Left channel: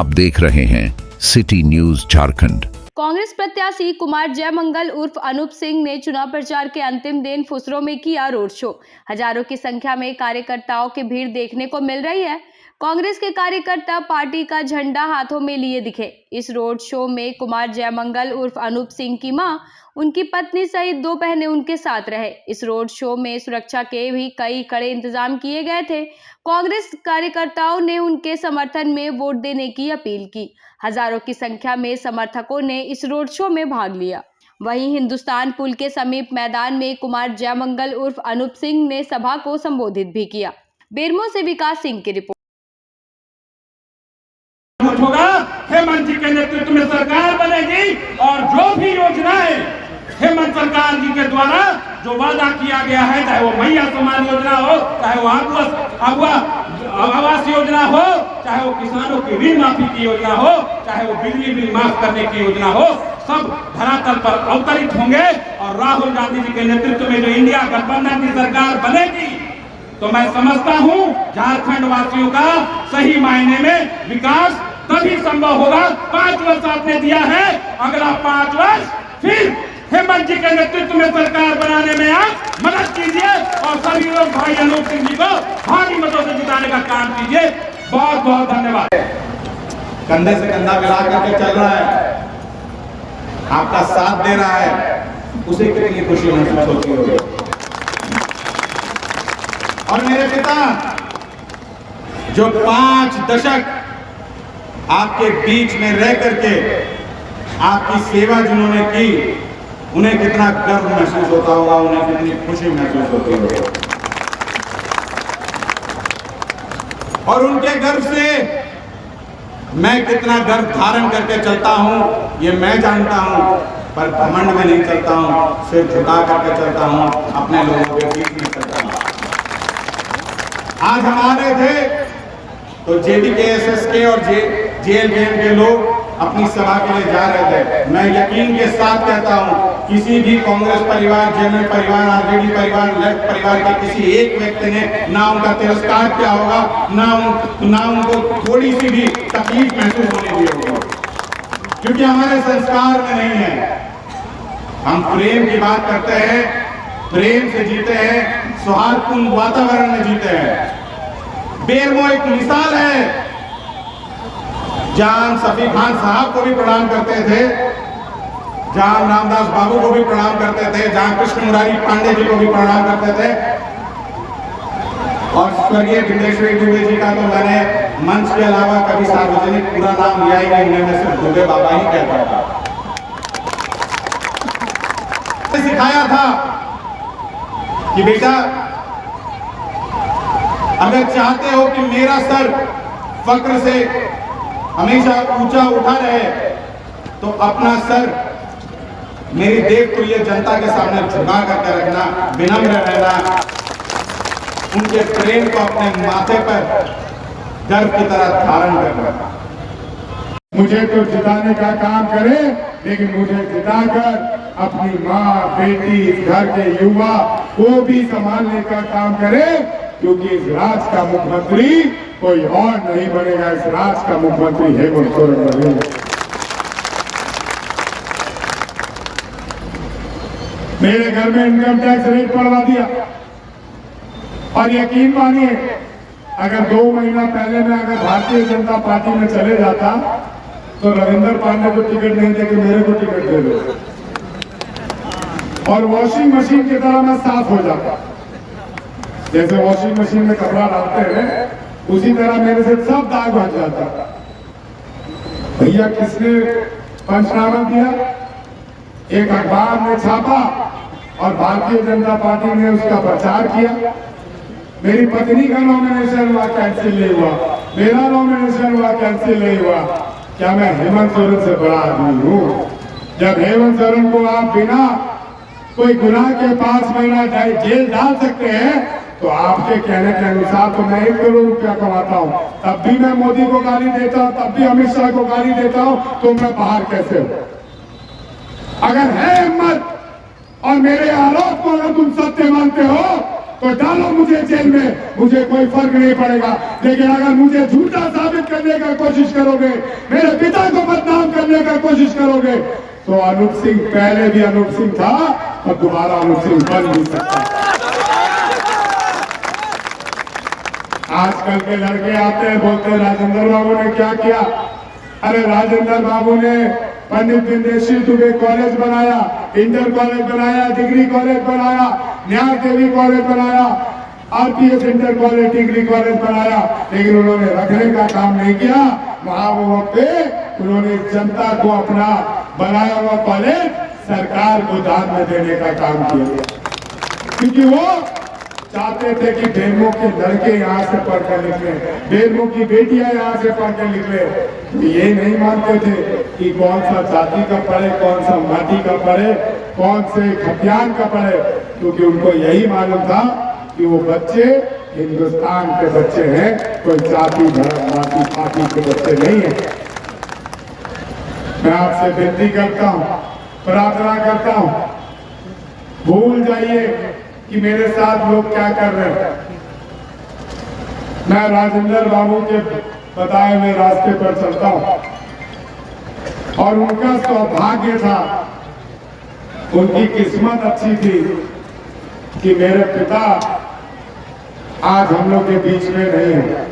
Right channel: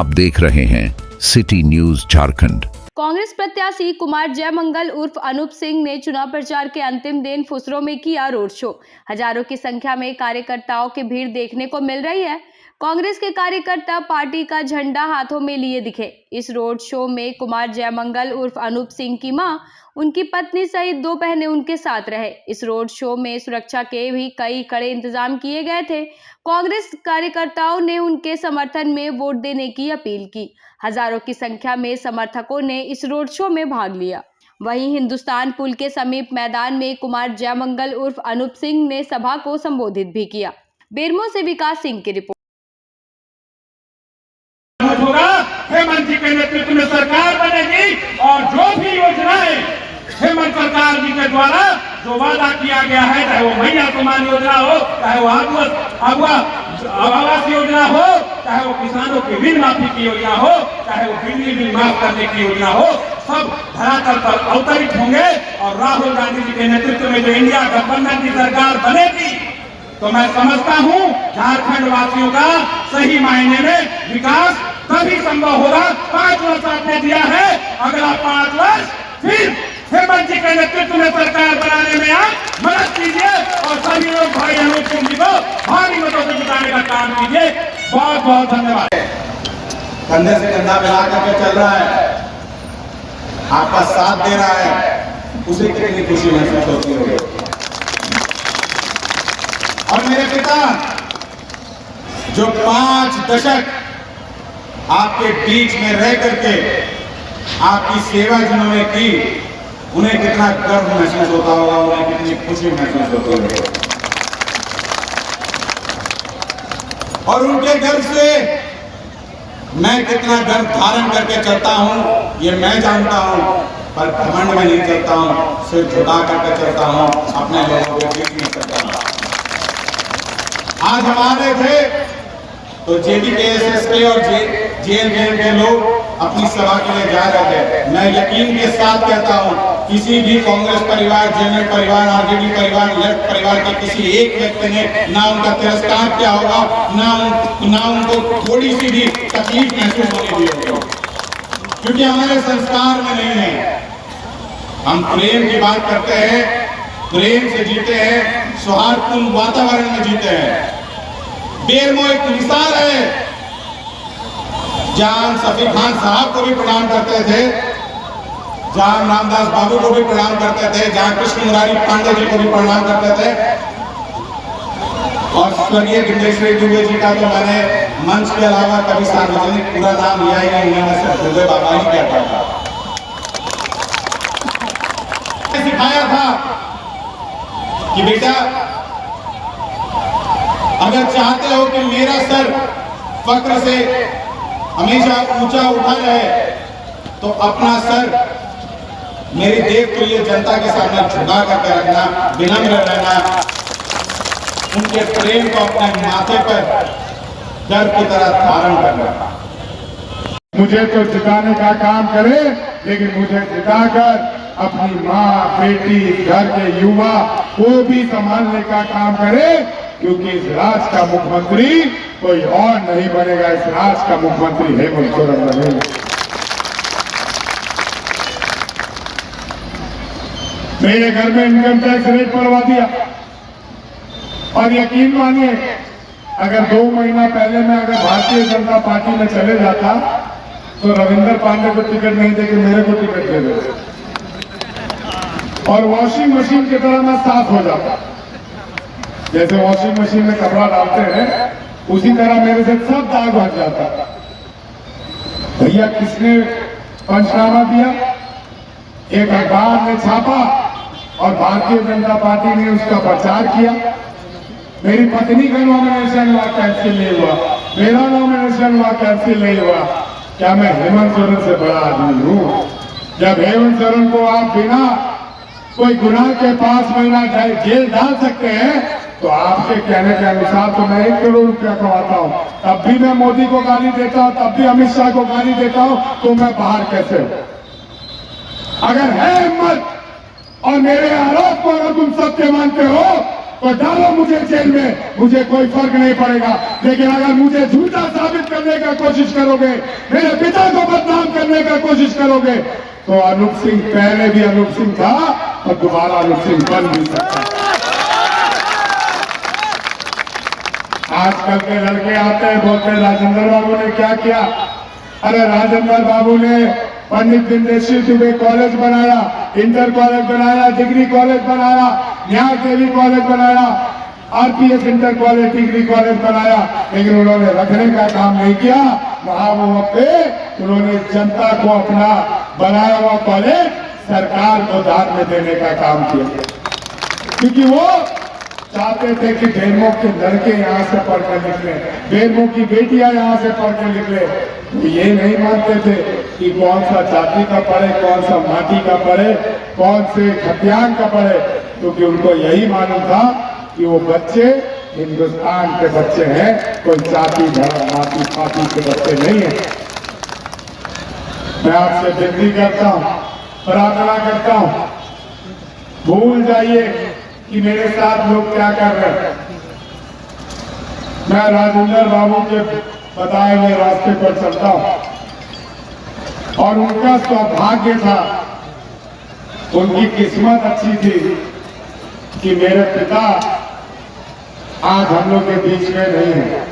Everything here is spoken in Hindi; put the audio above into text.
आप देख रहे हैं सिटी न्यूज झारखंड। कांग्रेस प्रत्याशी कुमार जयमंगल उर्फ अनूप सिंह ने चुनाव प्रचार के अंतिम दिन फुसरों में किया रोड शो। हजारों की संख्या में कार्यकर्ताओं की भीड़ देखने को मिल रही है। कांग्रेस के कार्यकर्ता पार्टी का झंडा हाथों में लिए दिखे। इस रोड शो में कुमार जयमंगल उर्फ अनूप सिंह की मां, उनकी पत्नी सहित 2 बहनें उनके साथ रहे। इस रोड शो में सुरक्षा के भी कई कड़े इंतजाम किए गए थे। कांग्रेस कार्यकर्ताओं ने उनके समर्थन में वोट देने की अपील की। हजारों की संख्या में समर्थकों ने इस रोड शो में भाग लिया। वहीं हिंदुस्तान पुल के समीप मैदान में कुमार जयमंगल उर्फ अनूप सिंह ने सभा को संबोधित भी किया। बेरमो से विकास सिंह की रिपोर्ट। होगा हेमंत जी के नेतृत्व में सरकार बनेगी और जो भी योजनाएं हेमंत सरकार जी के द्वारा जो वादा किया गया है, चाहे वो मैया सम्मान योजना हो, चाहे वो आवास योजना हो, चाहे वो किसानों की ऋण माफी की योजना हो, चाहे वो बिजली बिल माफ करने की योजना हो, सब धरातल पर अवतरित होंगे। और राहुल गांधी जी के नेतृत्व में जो इंडिया गठबंधन की सरकार बनेगी, तो मैं समझता हूं झारखंड वासियों का सही मायने में विकास तभी संभव होगा। 5 वर्ष आपने दिया है, अगला 5 वर्ष फिर हेमंत जी के नेतृत्व में सरकार बनाने में आप मदद कीजिए और सभी लोग भाई अनूप सिंह जी को भारी मतों से जिताने का काम कीजिए। बहुत बहुत धन्यवाद। कंधे से कंधा मिला करके चल रहा है, आपका साथ दे रहा है, उसे कितनी खुशी महसूस होती होगी। और मेरे पिता जो 5 दशक आपके बीच में रह करके आपकी सेवा जिन्होंने की, उन्हें कितना गर्व महसूस होता होगा, उन्हें कितनी खुशी महसूस होती होगी। और उनके गर्व से मैं कितना गर्व धारण करके चलता हूं, ये मैं जानता हूं, पर घमंड में नहीं चलता हूं, सिर झुका करके चलता हूं, अपने लोगों के बीच में चलता हूं। आज हम आ रहे थे तो JBKSS के और JLBM के लोग अपनी सभा के लिए जा रहे थे। मैं यकीन के साथ कहता हूं, किसी भी कांग्रेस परिवार, JMM परिवार, RJD परिवार, लेफ्ट परिवार के किसी एक व्यक्ति ने ना उनका तिरस्कार किया होगा, ना उनको थोड़ी सी भी तकलीफ महसूस होने दी होगी, क्योंकि हमारे संस्कार में नहीं है। हम प्रेम की बात करते हैं, प्रेम से जीते हैं, सौहार्दपूर्ण वातावरण में जीते हैं। बेरमो एक मिसाल है, जहां सफी खान साहब को भी प्रणाम करते थे, जहां रामदास बाबू को भी प्रणाम करते थे, जहां कृष्ण मुरारी पांडे जी को भी प्रणाम करते थे, और स्वर्गीय गिंडेश्वरी दुबे जी का तो मैंने मंच के अलावा कभी सार्वजनिक पूरा नाम लिया ही नहीं, उन्होंने सिर्फ दुबे बाबा ही कहता था। सिखाया था कि बेटा, अगर चाहते हो कि मेरा सर फक्र से हमेशा ऊंचा उठा रहे, तो अपना सर मेरी देवतुल्य जनता के सामने झुका करके रखना, विनम्र रहना, उनके प्रेम को अपने माथे पर गर्व की तरह धारण करना। मुझे तो जिताने का काम करे, लेकिन मुझे जिताकर अपनी माँ, बेटी, घर के युवा को भी संभालने का काम करे, क्योंकि इस राज्य का मुख्यमंत्री कोई और नहीं बनेगा, इस राज्य का मुख्यमंत्री हेमंत सोरेन बनेगा। मेरे घर में इनकम टैक्स रेट बढ़वा दिया, और यकीन मानिए, अगर 2 महीना पहले मैं अगर भारतीय जनता पार्टी में चले जाता तो रविंदर पांडे को टिकट नहीं देके मेरे को टिकट दे दो, और वॉशिंग मशीन की तरह मैं साफ हो जाता। जैसे वॉशिंग मशीन में कपड़ा डालते हैं, उसी तरह मेरे से सब दाग हट जाता। भैया किसने पंचनामा दिया? एक अखबार ने छापा और भारतीय जनता पार्टी ने उसका प्रचार किया। मेरी पत्नी का नॉमिनेशन हुआ, कैंसिल नहीं हुआ, मेरा नॉमिनेशन हुआ, कैंसिल नहीं हुआ। क्या मैं हेमंत सोरेन से बड़ा आदमी हूं? जब हेमंत सोरेन को आप बिना कोई गुनाह के 5 महीना जेल डाल सकते हैं, तो आपके कहने के अनुसार तो मैं 1 करोड़ रुपया कमाता हूं, तब भी मैं मोदी को गाली देता हूं, तब भी अमित शाह को गाली देता हूं, तो मैं बाहर कैसे हूं? अगर है हिम्मत और मेरे आरोप को अगर तुम सत्य मानते हो, तो डालो मुझे जेल में, मुझे कोई फर्क नहीं पड़ेगा। लेकिन अगर मुझे झूठा साबित करने का कोशिश करोगे, मेरे पिता को बदनाम करने का कोशिश करोगे, तो अनूप सिंह पहले भी अनूप सिंह था और दोबारा अनूप सिंह बन नहीं सकता। आजकल के लड़के आते हैं, बोलते हैं राजेंद्र बाबू ने क्या किया। अरे राजेंद्र बाबू ने पंडित दीनदयाल दुबे कॉलेज बनाया, इंटर कॉलेज बनाया, डिग्री कॉलेज बनाया, न्याय देवी कॉलेज बनाया, RPS inter college, degree college बनाया, लेकिन उन्होंने रखने का काम नहीं किया। वहां पे उन्होंने जनता को अपना बनाया हुआ कॉलेज सरकार को दान में देने का काम किया, क्योंकि वो चाहते थे कि बेरमो के लड़के यहाँ से पढ़कर निकले, बेरमो की बेटियां यहाँ से पढ़कर निकले। ये नहीं मानते थे कि कौन सा जाति का पढ़े, कौन सा माटी का पढ़े, कौन से खतियान का पढ़े, क्योंकि उनको यही मालूम था कि वो बच्चे हिंदुस्तान के बच्चे हैं, कोई जाति धर्म माटी पाटी के बच्चे नहीं है। मैं आपसे विनती करता हूँ, प्रार्थना करता हूँ, भूल जाइए कि मेरे साथ लोग क्या कर रहे हैं। मैं राजेंद्र बाबू के बताए हुए रास्ते पर चलता हूं और उनका सौभाग्य था, उनकी किस्मत अच्छी थी कि मेरे पिता आज हम लोग के बीच में नहीं है।